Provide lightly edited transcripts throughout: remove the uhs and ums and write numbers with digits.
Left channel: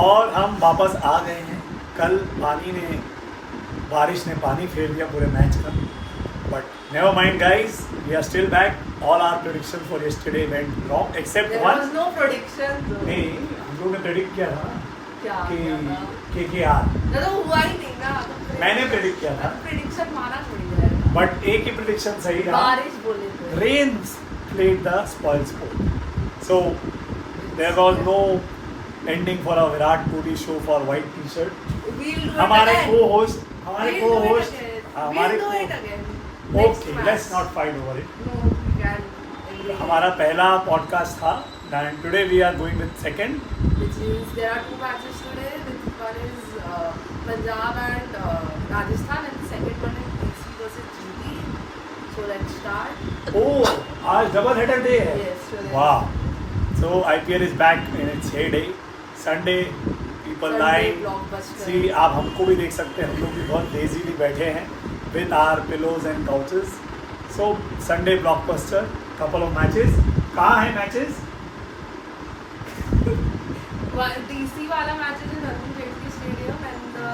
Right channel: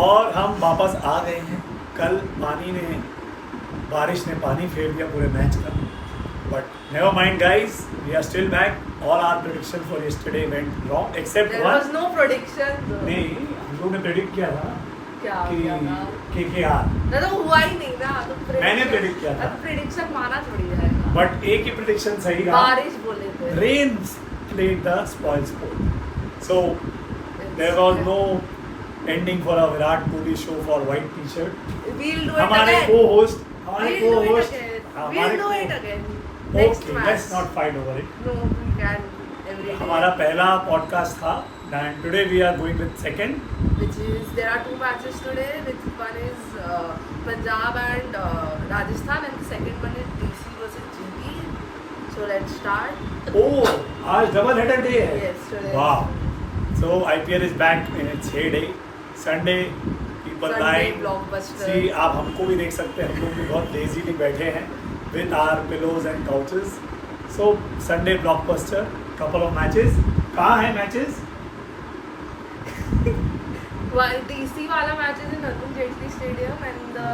और हम वापस आ गए हैं। कल बारिश ने पानी फेर दिया पूरे मैच का, but never mind guys, we are still back. All our prediction for yesterday went wrong except There one. was no prediction though. नहीं, हम लोगों ने प्रेडिक्ट किया था क्या कि क्या था? KKR, ना तो हुआ ही नहीं ना, तो मैंने predict किया था। प्रेडिक्शन माना थोड़ी जाएगा। बट एक ही प्रेडिक्शन सही रहा। बारिश बोले थे। Rains played the spoil sport, so there was no ending for a Virat Kohli show for white T-shirt. We'll do it हमारे again. co-host We'll do it again. We'll do it again. Next Okay, match. let's not fight over it. No, we can every day. हमारा पहला podcast था, and today we are going with second. Which is there are two matches today. Which one is Punjab and Rajasthan, and the second one is DC versus GT. So let's start. Oh, आज double header day है। Yes, today. वाह। So IPL is back in its heyday. Sunday people Sunday lying. blockbuster. See, आप हमको भी देख सकते हैं, हम लोग भी बहुत लेजीली बैठे हैं with our pillows and couches. So Sunday blockbuster, couple of matches. कहाँ है matches? One DC वाला match is in Arun Jaitley Stadium and the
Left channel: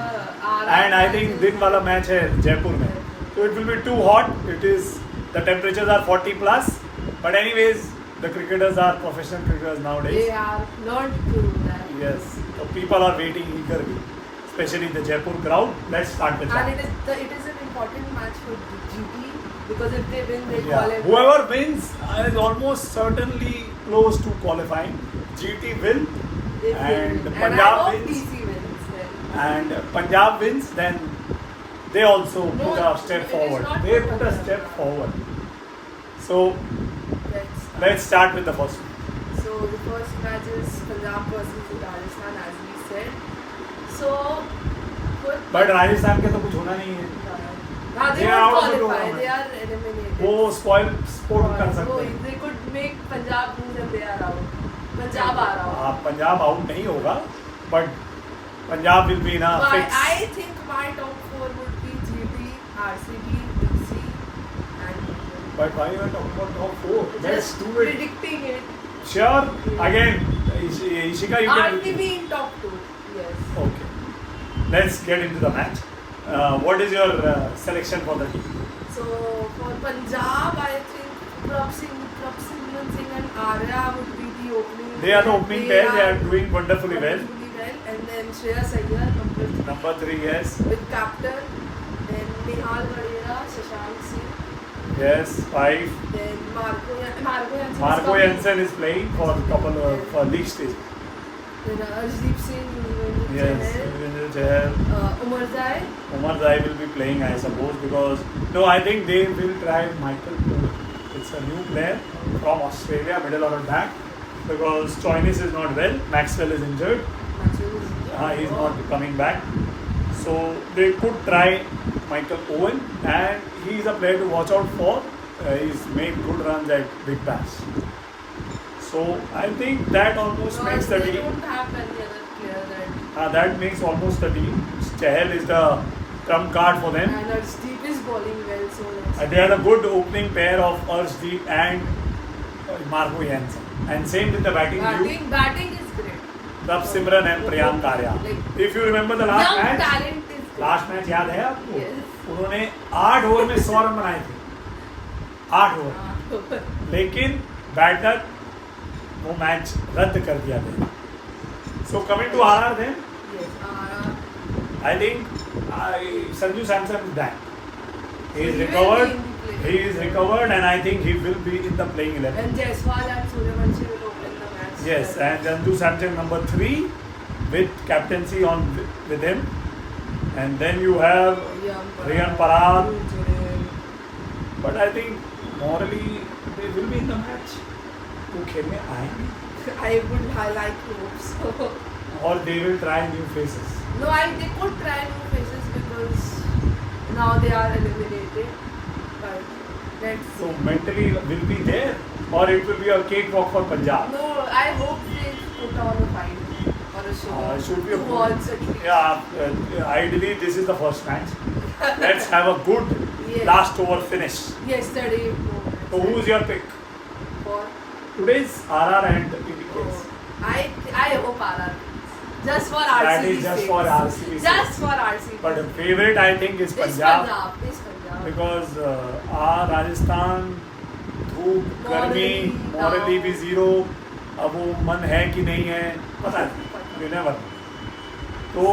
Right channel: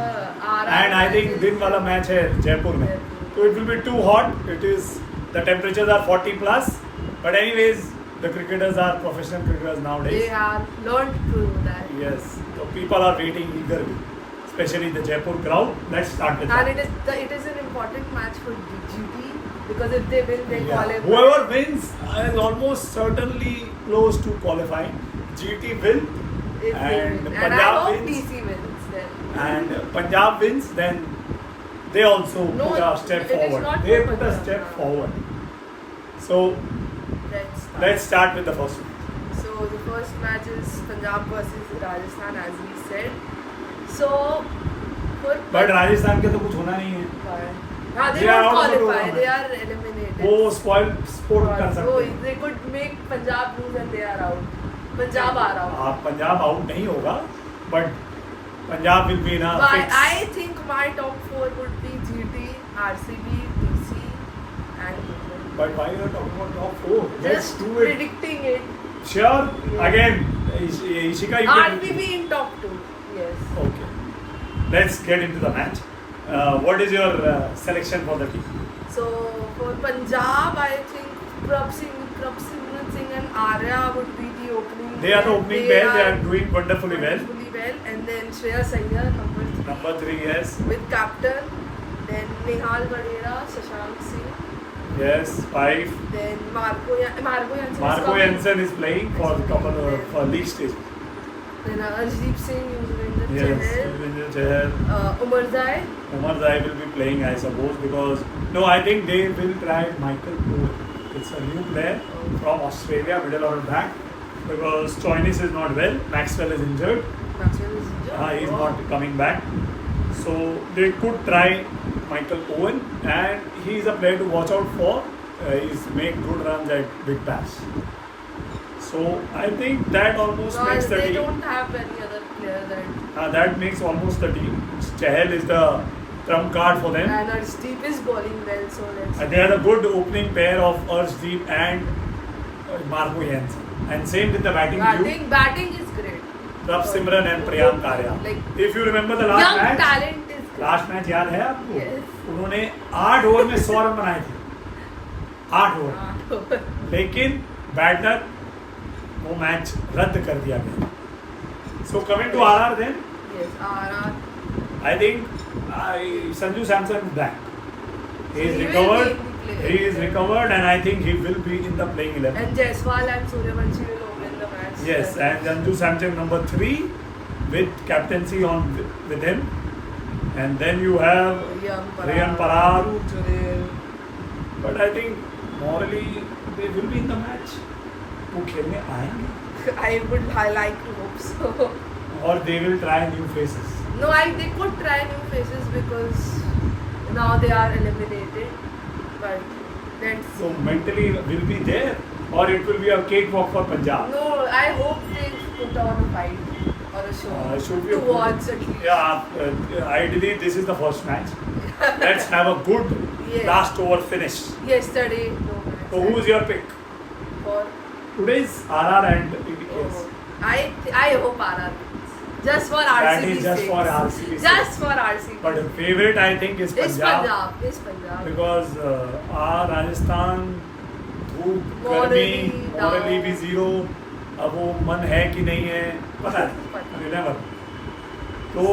RR. And I think match is- दिन वाला मैच है जयपुर में. So it will be too hot. The temperatures are 40 plus. But anyways, the cricketers are professional cricketers nowadays. They have learned to do that. Yes, so people are waiting eagerly, especially the Jaipur crowd. Let's start with And that. it is an important match for GT because if they win, they Yeah. qualify. Whoever wins is almost certainly close to qualifying. GT will, If they and win. And I Punjab hope wins. DC wins then. And Punjab wins, then they also No, put a step it is forward. not They for put a Punjab. step forward. So Let's start. start with the first one. So the first match is Punjab versus Rajasthan, as we said. So, But Rajasthan के तो कुछ होना नहीं है. हाँ, they They are won't out of the qualify. tournament. They are eliminated. वो spoil sport कर सकते So, हैं. they could make Punjab lose and they are out. Punjab are out. आप पंजाब आउट नहीं होगा, बट पंजाब विल बी ना But fix. I think my top four would be GT, RCB, DC, and Mumbai. But why you are talking about top four? Let's Just do it. predicting it. Sure. Yeah. Again, Ishika, you can. RCB in top two. Yes. Okay. Let's get into the match. What is your selection for the team? So for Punjab, I think Prabhsimran Singh and Arya would be the opening. They are the opening pair. They are doing wonderfully well. Wonderfully well. And then Shreyas Iyer, number 3. Number 3, yes. With captain. Then Nihal Vadera, Shashank Singh. Yes, 5. Then Marco Jansen. Marco Jansen is playing for a couple of for league stage. Then Arshdeep Singh, Yuzvendra Yes, Chahal, Yuzvendra Chahal. Umar Zai. Umar Zai will be playing, I suppose, because no, I think they will try Michael Poole. It's a new player from Australia, middle of the back, because Choinis is not well. Maxwell is injured. Maxwell is injured. He's not coming back. So they could try Michael Owen, and he's a player to watch out for. He's made good runs at Big Bash. So I think that almost Because makes the they team. don't have any other player that. That makes almost the team. Chahal is the trump card for them. And Arshdeep is bowling well, so let's. They are a good opening pair of Arshdeep and Marco Jansen. And same with the batting duo. Batting is great. Prabhsimran and Priyank Arya. Like, If you remember the last young match, talent is great. Last match याद है आपको? Yes. उन्होंने 8 over में 100 run बनाए थे. 8 over. लेकिन batter वो match रद्द कर दिया गया. So coming to RR then, Yes, RR. I think Sanju Samson is back. He is He will recovered. be in the play. He is recovered, and I think he will be in the playing 11. And Jaiswal and Suryavanshi will open the match. Yes, and Sanju Samson number 3 with captaincy on with him, and then you have Riyan Parag. But I think morally they will be in the match. वो खेलने आएंगे I would like to hope so. और they will try new faces. No, they could try new faces because now they are eliminated. But let's So see. mentally will be there, or it will be a cakewalk for Punjab. No, I hope they put on a fight or a show. Should be a to watch at least. Yeah, ideally this is the first match. Let's have a good Yes. last over finish. Yesterday, no. So who's your pick? For Today's RR and PBS. I hope RR wins. Just for That RCB is just sake. for RCB sake. Just for RCB. But the favorite I think is It's Punjab. Punjab. It's Punjab. Because our Rajasthan धूप गर्मी morally भी zero, अब वो मन है कि नहीं है पता नहीं, never. तो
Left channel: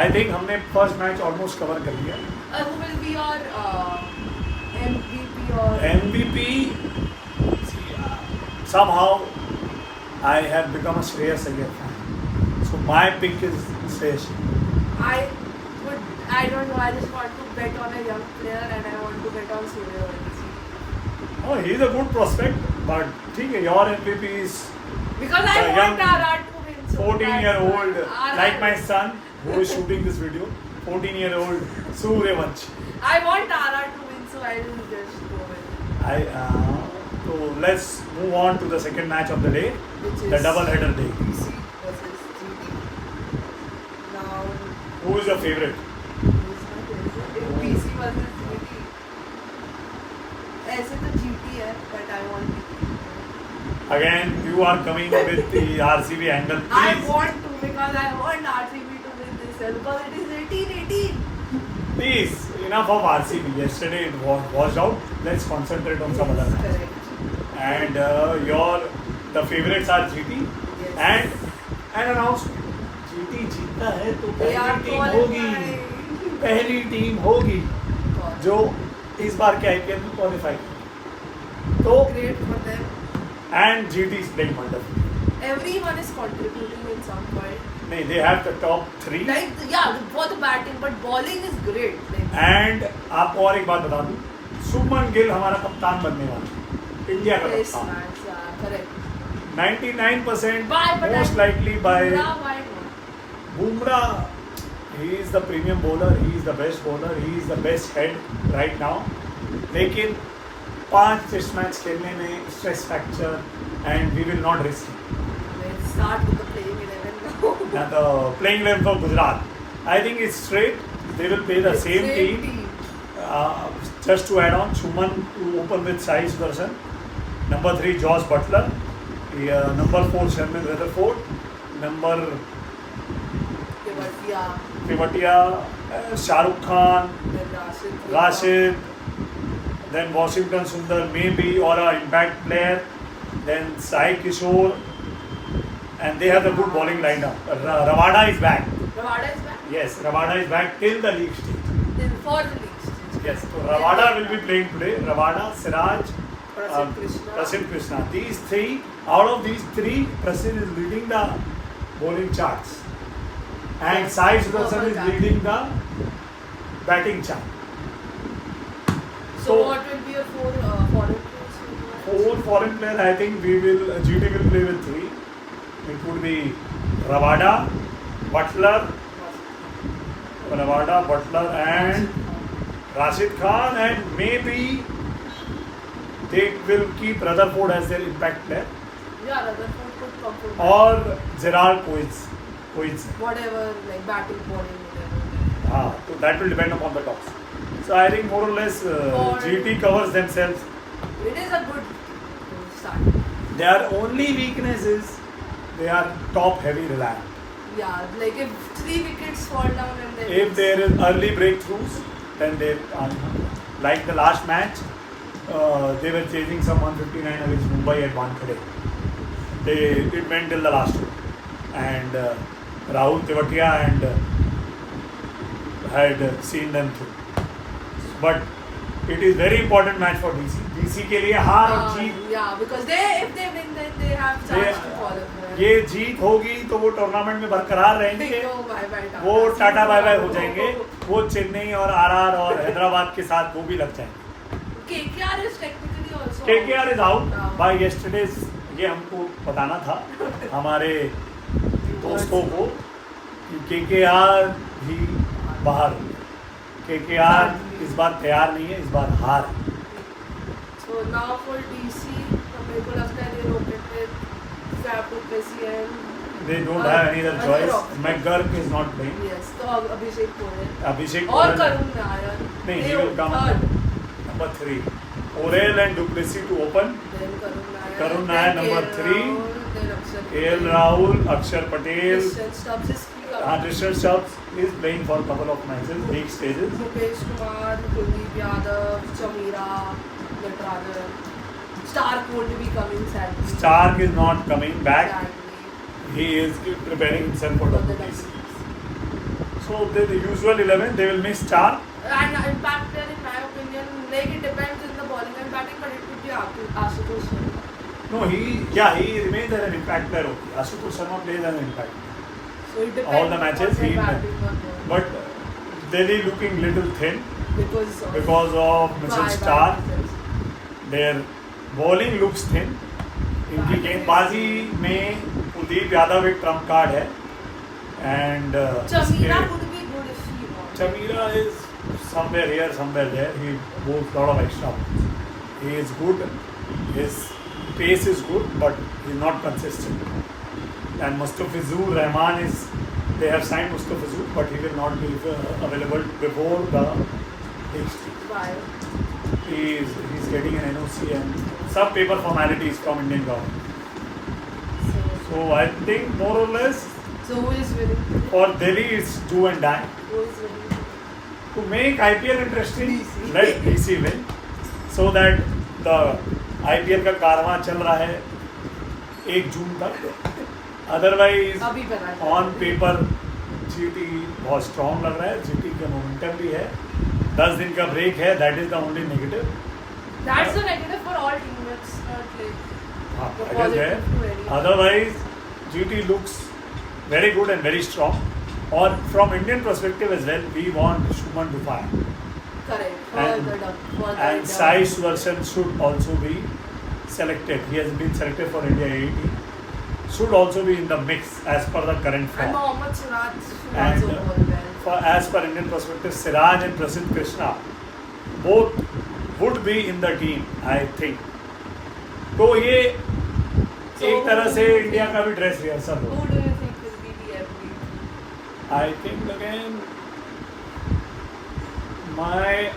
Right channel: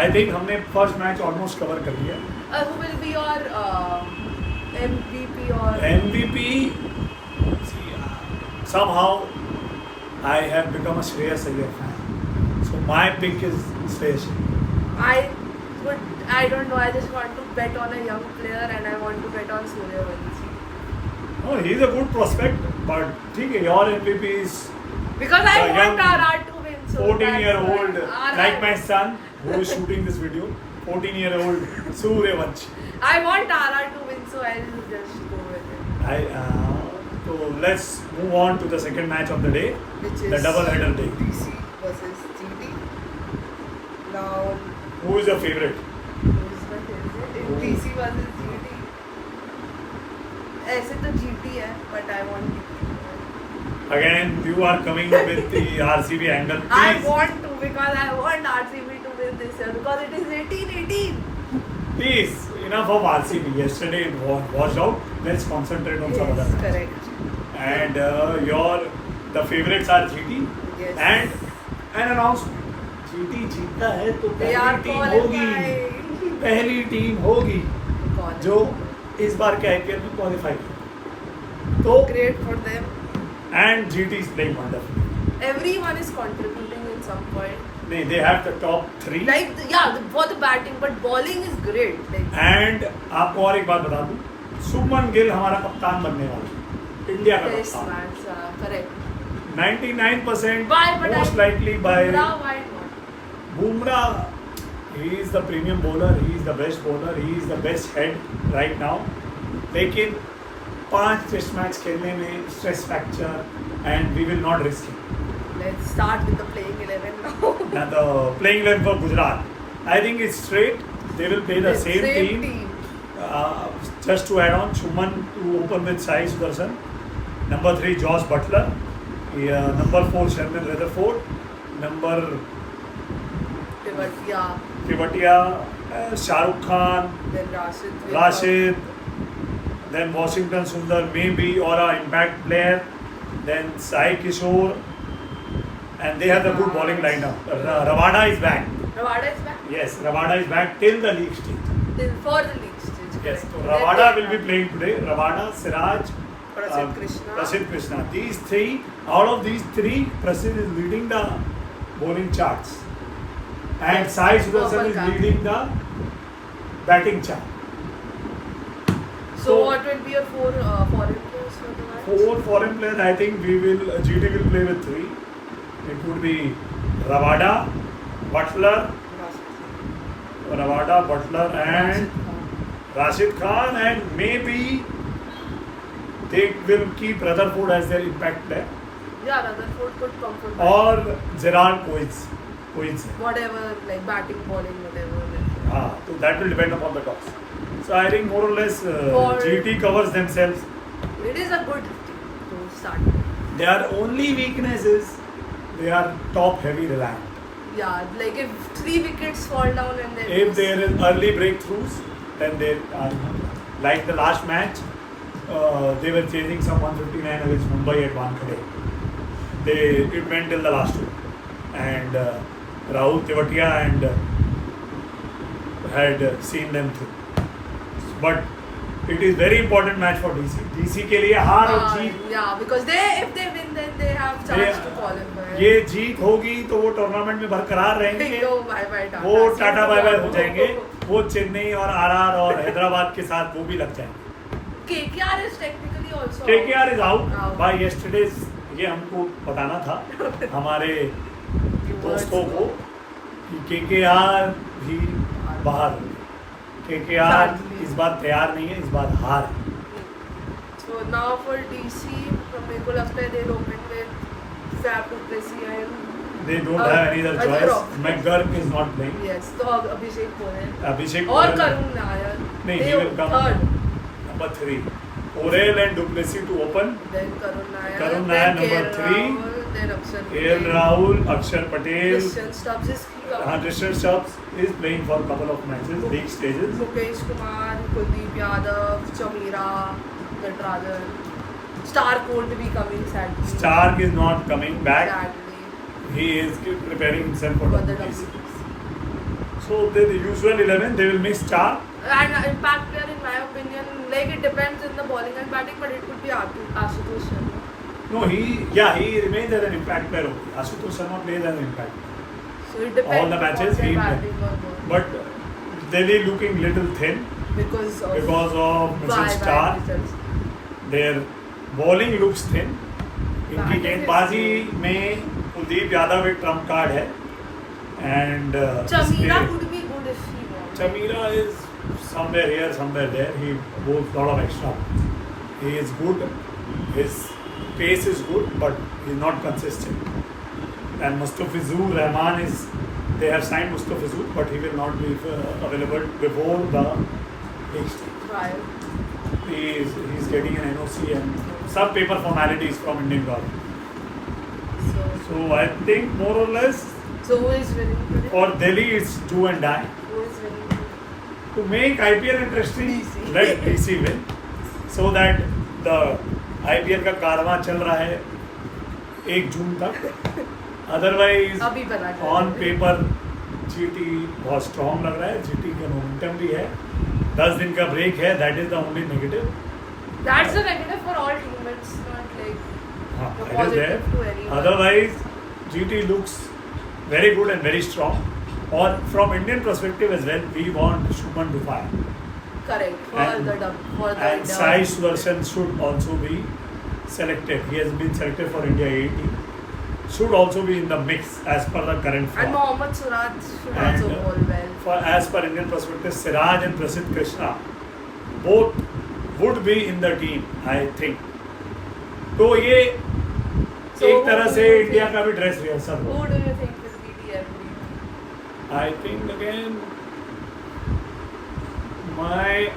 आई थिंक हमने फर्स्ट मैच ऑलमोस्ट कवर कर लिया. Who will be your MVP or MVP, somehow I have become a Shreyas Iyer fan. So my pick is Shreyas. I don't know. I just want to bet on a young player and I want to bet on Suryavanshi. Oh, he's a good prospect, but ठीक है, your MVP is Because I The want young RR to win. So 14-year-old, that's why. like my son who is shooting this video, 14-year-old Suryavanshi. I want RR to win, so I'll just go with it. So let's move on to the second match of the day, Which the is double header day. DC versus GT. Now, Who is your favorite? who's my favorite? DC versus GT. ऐसे तो GT है, but I want GT. Again, you are coming with the RCB angle. I Please, want to because I want RCB to win this year because it is 18-18. please, enough of RCB. Yesterday it was washed out. Let's concentrate on some other Yes, match. correct. And the favorites are GT. Yes. And an announcement. GT जीतता है तो They are पहली team होगी. qualified. पहली team होगी जो इस बार के IPL में क्वालिफाई. तो Great for them. and GT is playing wonderful. Everyone is contributing in some point. नहीं, they have the top three. Like for the batting, but bowling is great. Like And आपको और एक बात बता दूं, शुभमन गिल हमारा कप्तान बनने वाला है, इंडिया का yes, कप्तान. man, correct. 99% Why? But most likely by Bumrah, why not? Bumrah. He is the premium bowler. He is the best bowler. He is the best head right now. लेकिन 5 टेस्ट मैच खेलने में stress factor and we will not risk. Let's start with the playing 11 now. Now the playing 11 for Gujarat, I think it's straight. They will play the It's same team. team. Just to add on, Shuman to open with Sai Sudarshan. Number 3, Josh Butler. Number 4, Sharmin Rutherford. Number Tewatia, Tewatia, Shah Rukh Khan, then Rashid. Rashid. Then Washington Sundar, maybe, or an impact player. Then Sai Kishore. And they have the good bowling lineup. Ravada is back. Ravada is back. Yes, Ravada is back till the league stage. Then for the league stage. Yes, correct. so Then Ravada they will be playing today. Ravada, Siraj, Prasidh Krishna. Prasidh Krishna. These three, out of these three, Prasidh is leading the bowling charts. And Yes, Sai Sudarshan purple is card. leading the batting chart. So what will be your 4 foreign players for the match? 4 foreign players, I think GT will play with 3. It would be Ravada, Butler, and Rashid Khan, and maybe they will keep Rutherford as their impact player, Yeah, Rutherford could come from or Gerald Coates. whatever, like batting, bowling, whatever. So that will depend upon the toss. So I think more or less For- GT covers themselves. It is a good team to start. Their only weakness is they are top heavy reliant. Yeah, like if 3 wickets fall down and then If there is early breakthroughs, then they are like the last match. They were chasing some 159 against Mumbai at Wankhede. It went till the last week, and Rahul Tewatia and had seen them through. But it is very important match for DC. DC के लिए हार और जीत. Yeah, because if they win, then they have chance to qualify. ये जीत होगी तो वो tournament में बरकरार रहेंगे. No, bye-bye, Tata. वो See you tata bye bye हो tomorrow. जाएंगे. वो चेन्नई और आरआर और हैदराबाद के साथ वो भी लग जाएंगे. KKR is technically also KKR is out out. by yesterday's. ये हमको बताना था हमारे दोस्तों को कि KKR भी बाहर. KKR इस बार तैयार नहीं है, इस बार हार है. So now for DC, मेरे को लगता है they open with Fab du Plessis and They don't have any other choice. McGurk is not playing. yes, तो अभिषेक पोरेल Abhishek और Porel- करुण नायर. नहीं, They he will come third. number 3. Porel and du Plessis to open. Then Karun Nair. Karun then Nair, number KL 3. Rahul. then Akshar KL Rahul, Akshar Patel. Christian Stubbs is Tristan Stubbs is playing for a couple of matches, league stages. Mukesh Kumar, Kuldeep Yadav, Chamira, Natarajan. Stark won't be coming sadly. Stark is not coming back. Sadly. He is preparing himself for For the WBC. WBC. So the usual 11, they will miss Stark. And impact player, in my opinion, like it depends in the bowling and batting, but it could be Ashutosh Sharma. No, he remains as an impact player. Ashutosh Sharma plays as an impact. So it depends All the matches on he their will. batting or the, But Delhi looking little thin because of Mitchell Stark. Their bowling looks thin. इनकी Batting गेंदबाजी में कुलदीप यादव एक Trump card है and Chamira would be good if he won. Chamira is somewhere here, somewhere there. He goes lot of extra. He is good. His pace is good, but he's not consistent. And Mustafizur Rahman is. They have signed Mustafizur, but he will not be available before the next. Why? He's getting an NOC and some paper formalities from Indian government. So I think more or less So who is winning today? for Delhi it's do and die. Who is winning today? To make IPL interesting, DC. let DC win, so that the IPL का कारवां चल रहा है 1 जून तक. Otherwise, अभी पता चला on है। paper GT बहुत strong लग रहा है. GT का momentum भी है. 10 दिन का break है. That is the only negative. That's the negative for all teams. It's not like हाँ, the that is there. positive to anyone. Otherwise, GT looks very good and very strong. Or from Indian perspective as well, we want Shubman to fire. Correct. For And- the And Sai Sudarshan should also be selected. He has been selected for India A team. Should also be in the mix as per the current And form. Mohammad Suraj should And, also bowl well. As per Indian perspective, Siraj and Prasidh Krishna both would be in the team, I think. तो ये So एक who तरह do से you India think- का भी dress rehearsal Who हो. do you think will be the MVP? I think again my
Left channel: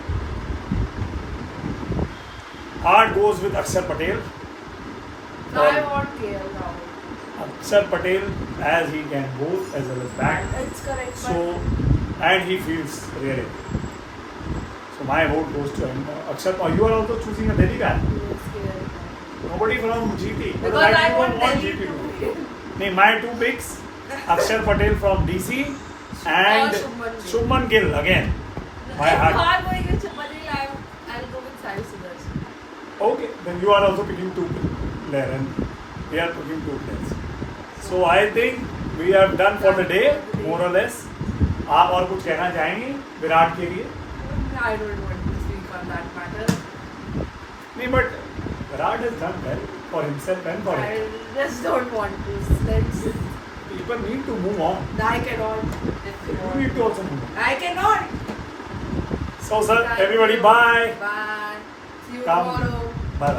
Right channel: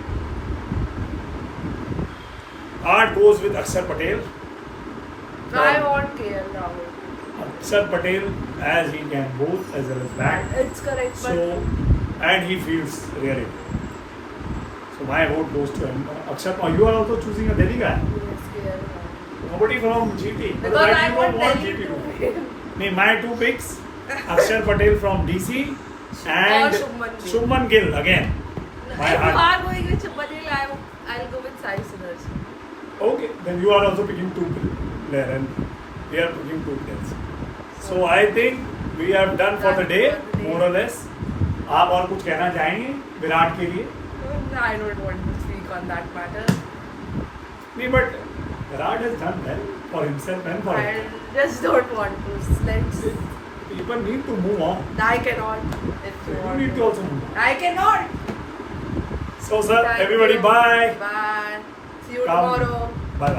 heart goes with Akshar Patel. So I want KL Rahul. Akshar Patel as he can bowl as well as bat. It's correct, but So and he feels really. So my vote goes to him. Akshar, you are also choosing a Delhi guy. yes, KL Rahul. Nobody from GP. Because But I you want don't Delhi GP to win. Nee, my two picks: Akshar Patel from DC and Shubman Gill. Shubman Gill again. My If you heart. are going with Patel, I'll go with Sai Sudarshan. Okay, then you are also picking two players and we are picking two players. So I think we have done for the day, more or less. आप और कुछ कहना चाहेंगे विराट के लिए? I don't want to speak on that matter. नहीं, but Virat has done well for himself and for I him. just don't want to. Let's. People need to move on. I cannot. If you You want. need to also move on. I cannot. So sir, Thank everybody you. bye. Bye. See you Come. tomorrow.